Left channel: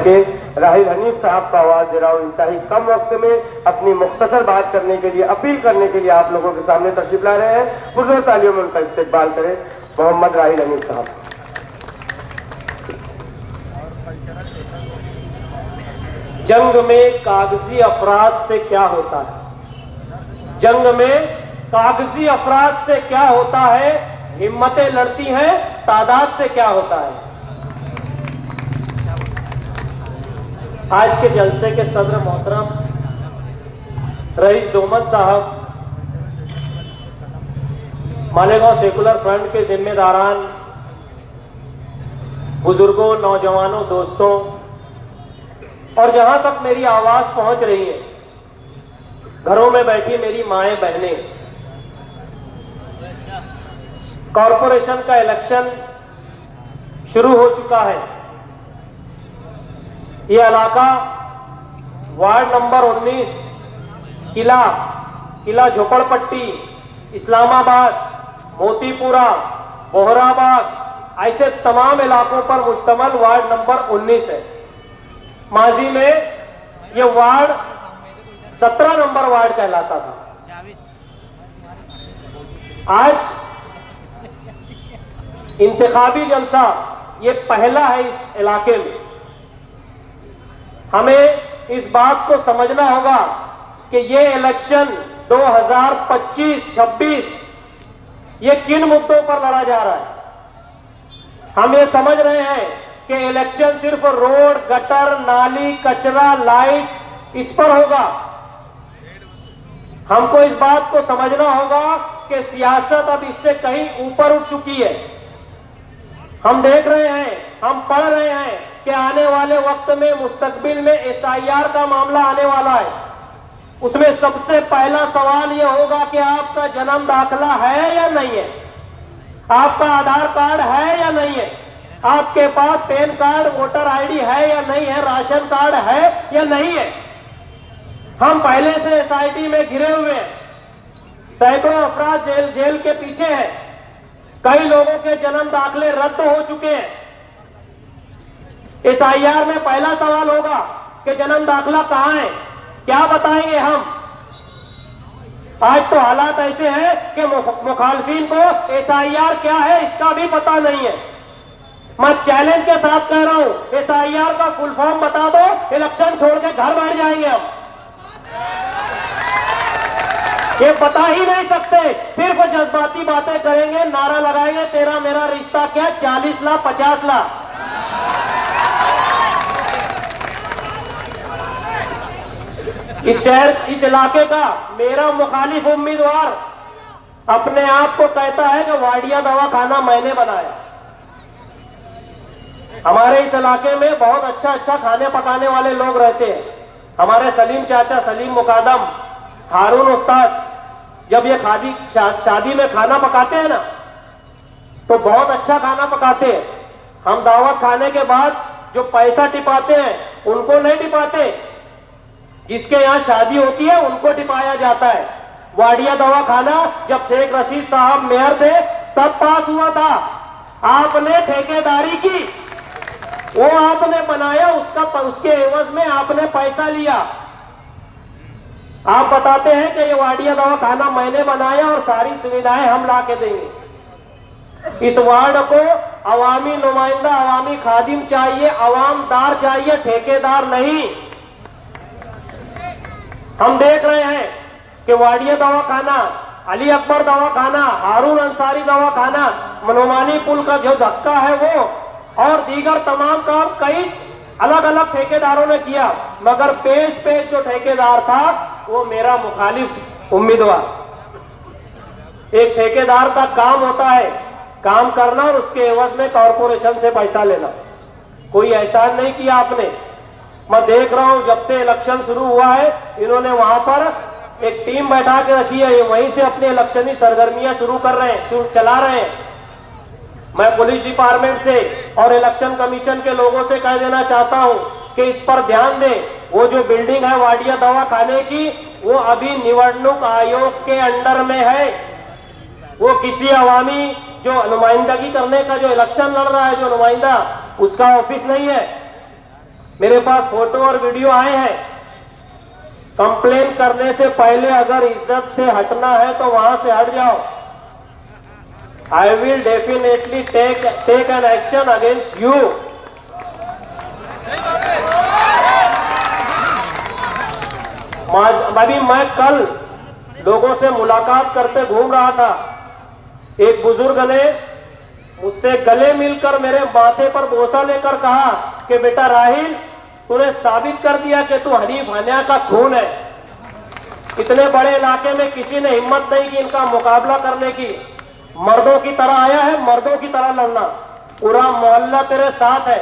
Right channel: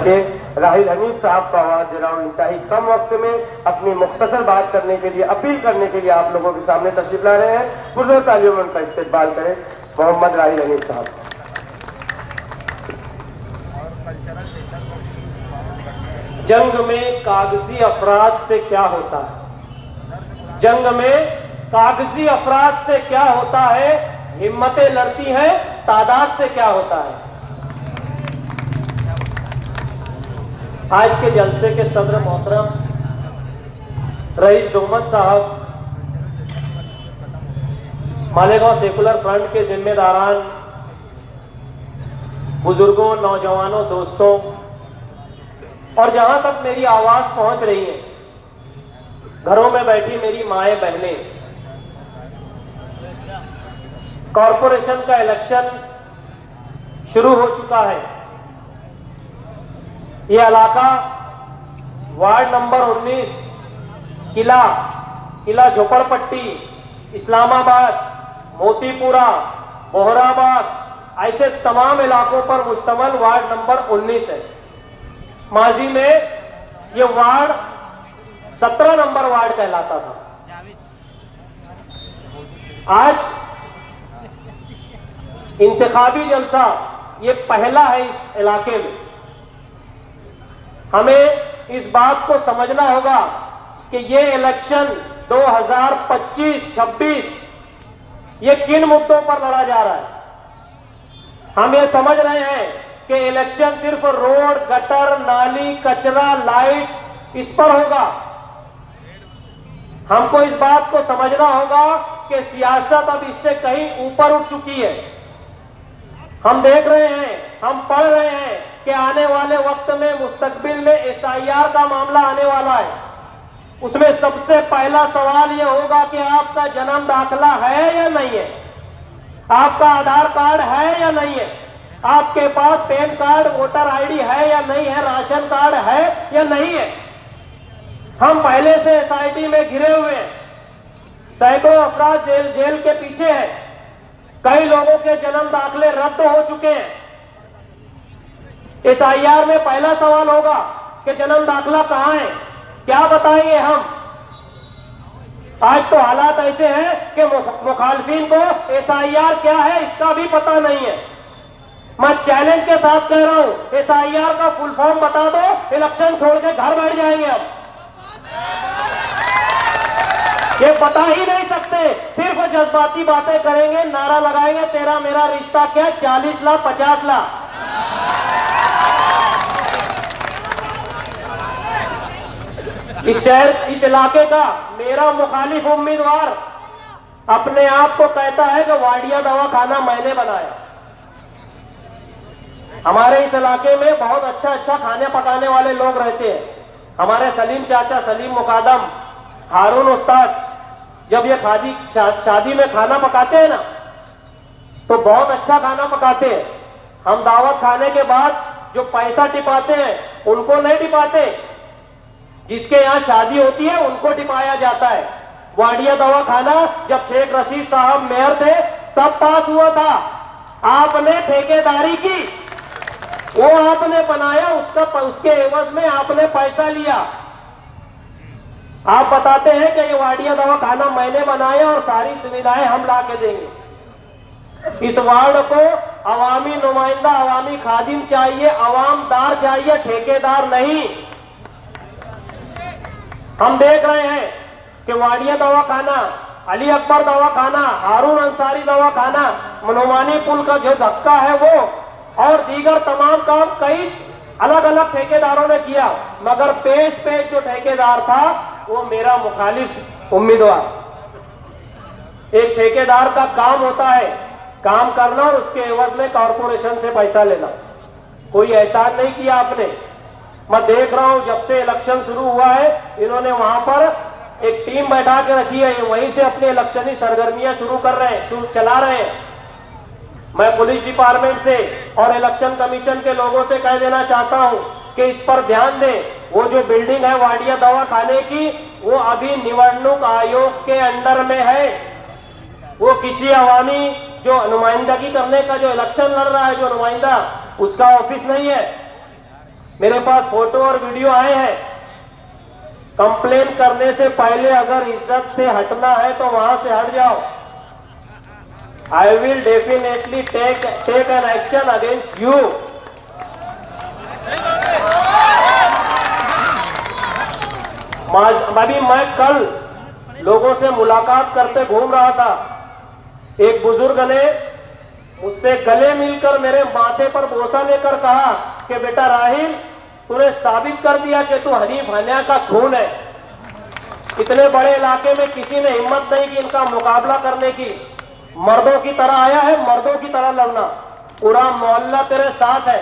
करके राहिल हनीफ साहब का आवाज दे रहा हूं। इंतहाई कम वक्त में अपनी मुख्तसर बात करने के लिए, अपील करने के लिए आप लोगों के सामने तशरीफ ला रहे हैं। पुरजोर तालियों में उनका इस्तेकबाल करें मोहम्मद राहिल हनीफ साहब। जंग में कागजी अफराद से क्या होता है? जंग में कागजी अफराद से क्या होता है? हिम्मतें लड़ती हैं, तादाद से क्या होता है? आज के जलसे के सदर मोहतरम रईस दोमत साहब, मालेगांव सेकुलर फ्रंट के जिम्मेदारान, बुजुर्गों, नौजवानों, दोस्तों, और जहां तक मेरी आवाज पहुंच रही है, घरों में बैठी मेरी माएं, बहनें, कॉरपोरेशन का इलेक्शन शुरू हो चुका है। ये इलाका वार्ड नंबर 19, किला झोपड़पट्टी, इस्लामाबाद, मोतीपुरा, बोहराबाद, ऐसे तमाम इलाकों पर मुश्तमल वार्ड नंबर 19 है। माजी में ये वार्ड 17 नंबर वार्ड कहलाता था। आज इंतखाबी जलसा ये पहला है इस इलाके में। हमें इस बात को समझना होगा कि ये इलेक्शन 2025-26 ये किन मुद्दों पर लड़ा जा रहा है। हम ये समझ रहे हैं कि इलेक्शन सिर्फ रोड, गटर, नाली, कचरा, लाइट इस पर होगा। हमको इस बात को समझना होगा कि सियासत अब इससे कहीं ऊपर उठ चुकी है। हम देख रहे हैं, हम पढ़ रहे हैं कि आने वाले वक्त में, मुस्तकबिल में SIR का मामला आने वाला है। उसमें सबसे पहला सवाल यह होगा कि आपका जन्म दाखिला है या नहीं है, आपका आधार कार्ड है या नहीं है, आपके पास पैन कार्ड, वोटर ID है या नहीं है, राशन कार्ड है या नहीं है। हम पहले से SIT में घिरे हुए हैं, सैकड़ों अफराद जेल के पीछे हैं, कई लोगों के जन्म दाखिले रद्द हो चुके हैं। SIR में पहला सवाल होगा कि जन्म दाखिला कहां है, क्या बताएंगे हम। आज तो हालात ऐसे हैं कि मुखालफिन को SIR क्या है इसका भी पता नहीं है। मैं चैलेंज के साथ कह रहा हूं, SIR का फुल फॉर्म बता दो, इलेक्शन छोड़ के घर बैठ जाएंगे हम। ये बता ही नहीं सकते, सिर्फ जज्बाती बातें करेंगे, नारा लगाएंगे, तेरा मेरा रिश्ता क्या, 40 लाख 50 लाख। इस शहर, इस इलाके का मेरा मुखालिफ उम्मीदवार अपने आप को कहता है कि वाडिया दवाखाना मैंने बनाया। हमारे इस इलाके में बहुत अच्छा खाने पकाने वाले लोग रहते हैं। हमारे सलीम चाचा, सलीम मुकादम, हारून उस्ताद, जब ये शादी में खाना पकाते हैं ना, तो बहुत अच्छा खाना पकाते हैं। हम दावत खाने के बाद जो पैसा टिपाते हैं उनको नहीं टिपाते, जिसके यहाँ शादी होती है उनको टिपाया जाता है। वाडिया दवाखाना जब शेख रशीद साहब मेयर थे तब पास हुआ था। आपने ठेकेदारी की, वो आपने बनाया, उसके एवज में आपने पैसा लिया। आप बताते हैं कि ये वाडिया दवाखाना मैंने बनाया और सारी सुविधाएं हम ला के देंगे। इस वार्ड को अवामी नुमाइंदा, अवामी खादिम चाहिए, अवामदार चाहिए, ठेकेदार नहीं। हम देख रहे हैं कि वाडिया दवाखाना, अली अकबर दवाखाना, हारून अंसारी दवाखाना, मनोमानी पुल का जो धक्का है वो, और दीगर तमाम काम कई अलग अलग ठेकेदारों ने किया, मगर पेश जो ठेकेदार था वो मेरा मुखालिफ उम्मीदवार। एक ठेकेदार का काम होता है काम करना और उसके एवज में कॉरपोरेशन से पैसा लेना। कोई एहसान नहीं किया आपने। मैं देख रहा हूं जब से इलेक्शन शुरू हुआ है, इन्होंने वहां पर एक टीम बैठा के रखी है, वहीं से अपनी इलेक्शनी सरगर्मियां शुरू कर रहे हैं, चला रहे हैं। मैं पुलिस डिपार्टमेंट से और इलेक्शन कमीशन के लोगों से कह देना चाहता हूं कि इस पर ध्यान दें। वो जो बिल्डिंग है वाडिया दवाखाने की, वो अभी निवडणूक आयोग के अंडर में है। वो किसी अवामी जो नुमाइंदगी करने का, जो इलेक्शन लड़ रहा है जो नुमाइंदा, उसका ऑफिस नहीं है। मेरे पास फोटो और वीडियो आए हैं। कंप्लेन करने से पहले अगर इज्जत से हटना है तो वहां से हट जाओ। I will definitely take an action against you. अभी मैं कल लोगों से मुलाकात करते घूम रहा था। एक बुजुर्ग ने मुझसे गले मिलकर मेरे माथे पर बोसा लेकर कहा कि बेटा राहिल, तूने साबित कर दिया कि तू हनीफ हनिया का खून है। इतने बड़े इलाके में किसी ने हिम्मत नहीं की इनका मुकाबला करने की। मर्दों की तरह आया है, मर्दों की तरह लड़ना। पूरा मोहल्ला तेरे साथ है।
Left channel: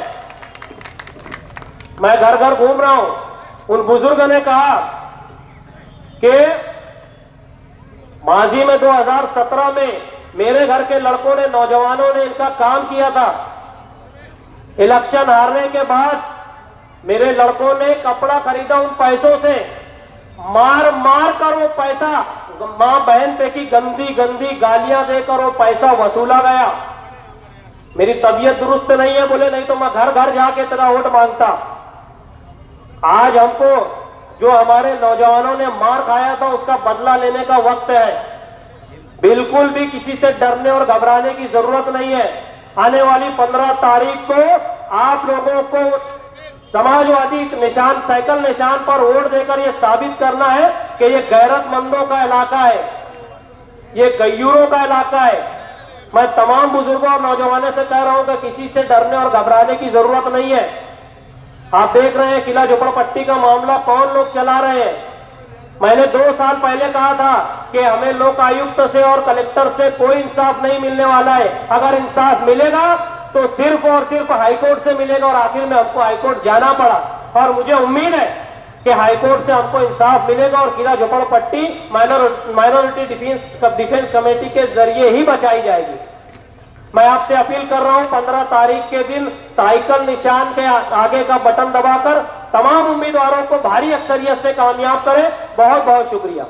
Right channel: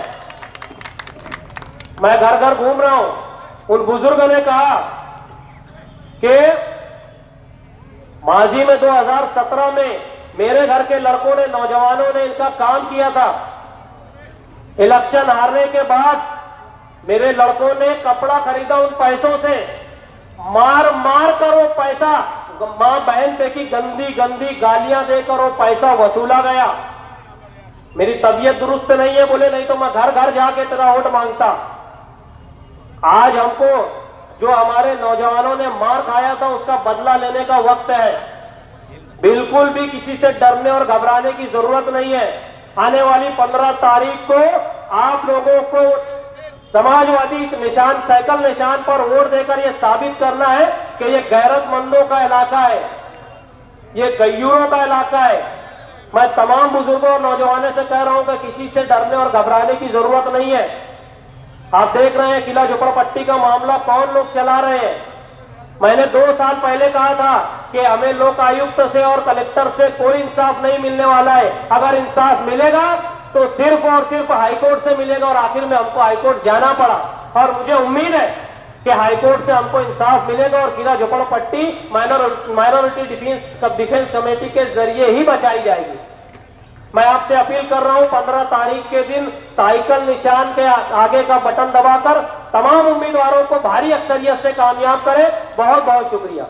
मैं घर घर घूम रहा हूं। उन बुजुर्ग ने कहा कि माजी में 2017 में मेरे घर के लड़कों ने, नौजवानों ने इनका काम किया था। इलेक्शन हारने के बाद मेरे लड़कों ने कपड़ा खरीदा उन पैसों से। मार मार कर वो पैसा, मां बहन पे की गंदी गंदी गालियां देकर वो पैसा वसूला गया। मेरी तबीयत दुरुस्त नहीं है बोले, नहीं तो मैं घर घर जाके तेरा वोट मांगता। आज हमको जो हमारे नौजवानों ने मार खाया था उसका बदला लेने का वक्त है। बिल्कुल भी किसी से डरने और घबराने की जरूरत नहीं है। आने वाली 15 तारीख को आप लोगों को समाजवादी निशान, साइकिल निशान पर वोट देकर यह साबित करना है कि ये गैरतमंदों का इलाका है, ये गैयूरों का इलाका है। मैं तमाम बुजुर्गों और नौजवानों से कह रहा हूं कि किसी से डरने और घबराने की जरूरत नहीं है। आप देख रहे हैं किला झोपड़पट्टी का मामला कौन लोग चला रहे हैं। मैंने 2 साल पहले कहा था कि हमें लोक आयुक्त से और कलेक्टर से कोई इंसाफ नहीं मिलने वाला है। अगर इंसाफ मिलेगा तो सिर्फ और सिर्फ हाईकोर्ट से मिलेगा, और आखिर में हमको हाईकोर्ट जाना पड़ा। और मुझे उम्मीद है कि हाईकोर्ट से हमको इंसाफ मिलेगा और किला झोपड़पट्टी माइनॉरिटी डिफेंस कमेटी के जरिए ही बचाई जाएगी। मैं आपसे अपील कर रहा हूं 15 तारीख के दिन साइकिल निशान के आगे का बटन दबाकर तमाम उम्मीदवारों को भारी अक्सरियत से कामयाब करें। बहुत बहुत शुक्रिया।